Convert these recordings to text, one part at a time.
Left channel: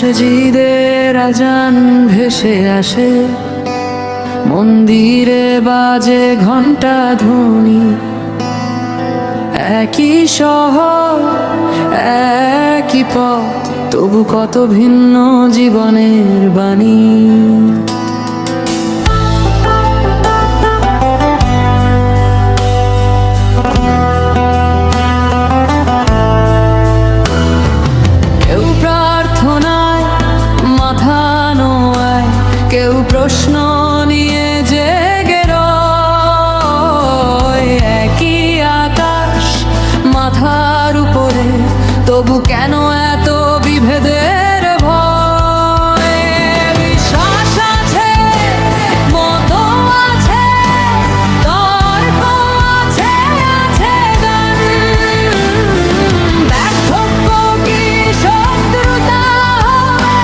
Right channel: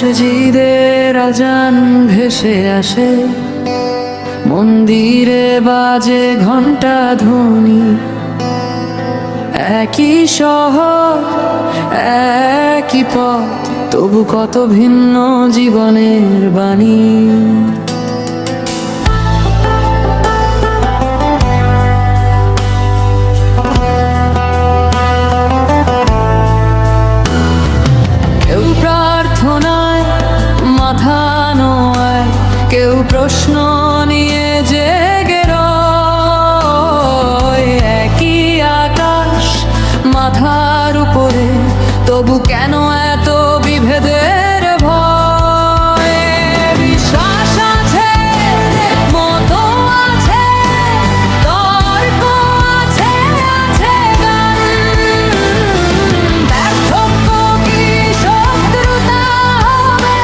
মসজিদের আজান ভেসে আসে, মন্দিরে বাজে ঘণ্টা ধ্বনি। একই শহর, একই পথ, তবু কত ভিন্ন জীবনের বাণী। কেউ প্রার্থনায় মাথা নোয়ায়, কেউ প্রশ্ন নিয়ে জেগে রয়। একই আকাশ মাথার উপরে, তবু কেন এত বিভেদের ভয়? বিশ্বাস আছে, মতো আছে, তর্ক আছে, আছে গান। ব্যর্থক্য কি শত্রুতা হবে,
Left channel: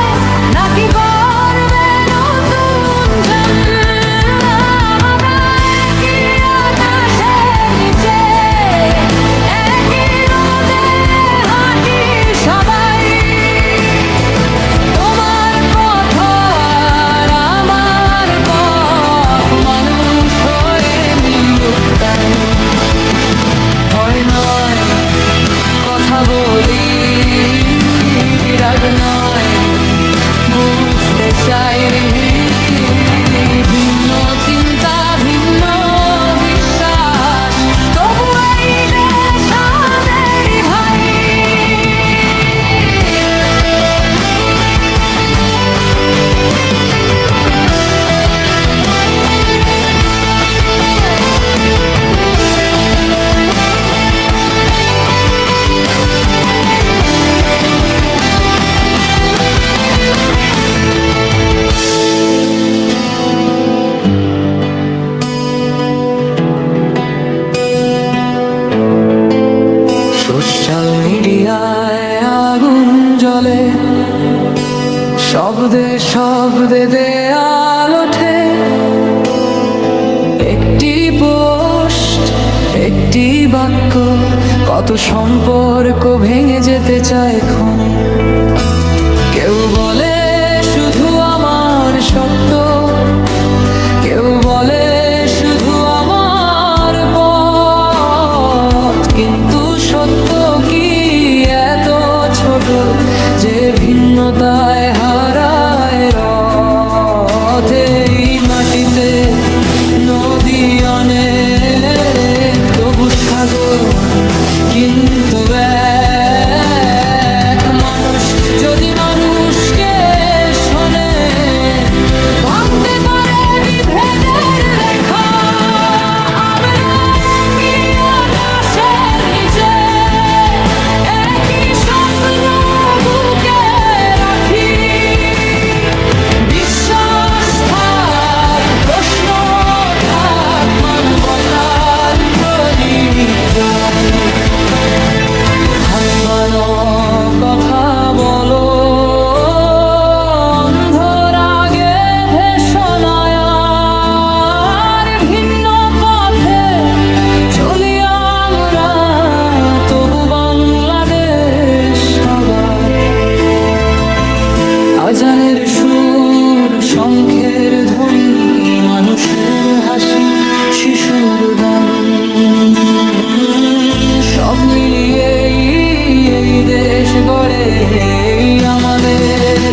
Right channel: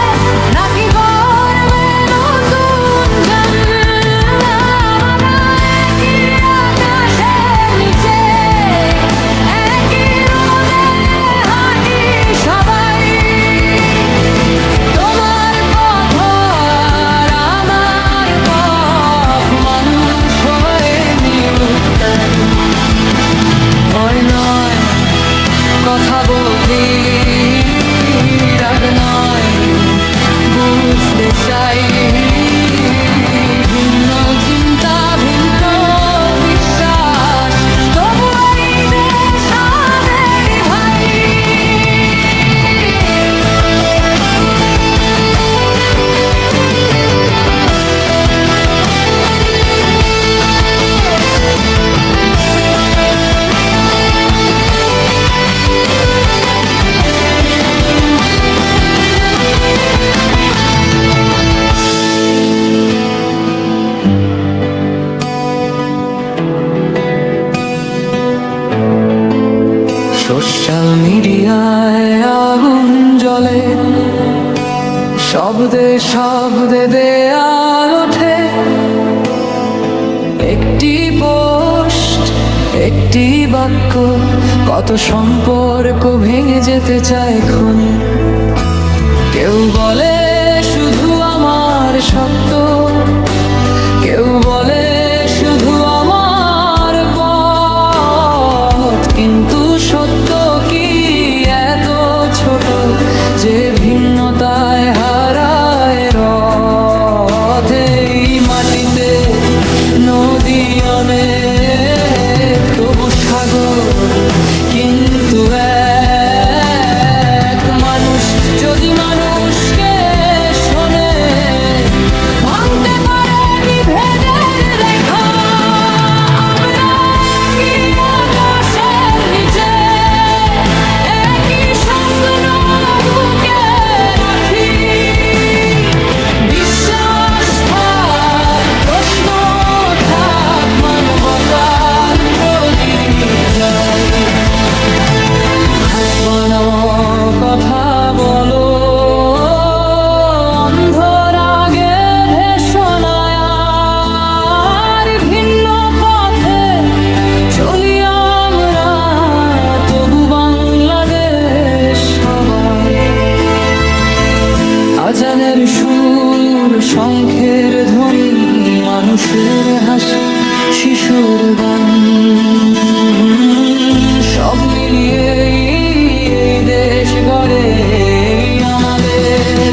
নাকি করবে নতুন জন্ম? আমরা একই আকাশের নিচে, একই রোদে হাঁটি সবাই। তোমার পথ আর আমার পথ, মানুষ হয়ে মিলুক তাই। ভয় নয় কথা বলি, রাগ নয় বুঝতে চাই। ভিন্ন চিন্তা, ভিন্ন বিশ্বাস, তবু এই দেশ আমাদেরই ভাই। সোশ্যাল মিডিয়ায় আগুন জ্বলে, শব্দে শব্দে দেয়াল ওঠে। একটি পোস্ট, একটি বাক্য, কত সম্পর্ক ভেঙে যেতে চায় ক্ষণে। কেউ বলে শুধু আমার সত্য, কেউ বলে শুধু আমার পথ। কিন্তু সত্য কি এত ছোট যে ভিন্নতায় হারায় রথ? এই মাটিতে নদী অনেক, তবু সাগর কিন্তু এক। মানুষ যদি মানুষকে শোনে, ভাঙতে পারে বিভেদের রেখা। আমরা একই আকাশের নিচে, একই স্বপ্ন বুকে রাখি। বিশ্বাস থাক, প্রশ্ন থাক, মানবতার প্রদীপ যায়। হাসবানো কথা বলো, অন্ধর আগে ভেষণায়। আর ভিন্ন পথে চলি আমরা, তবু বাংলাদেশ সবার। আজানের সুর, শঙ্খের ধ্বনি, মানুষের হাসি, শিশুর গান, সব মিলিয়েই এই দেশ গড়ে আমাদের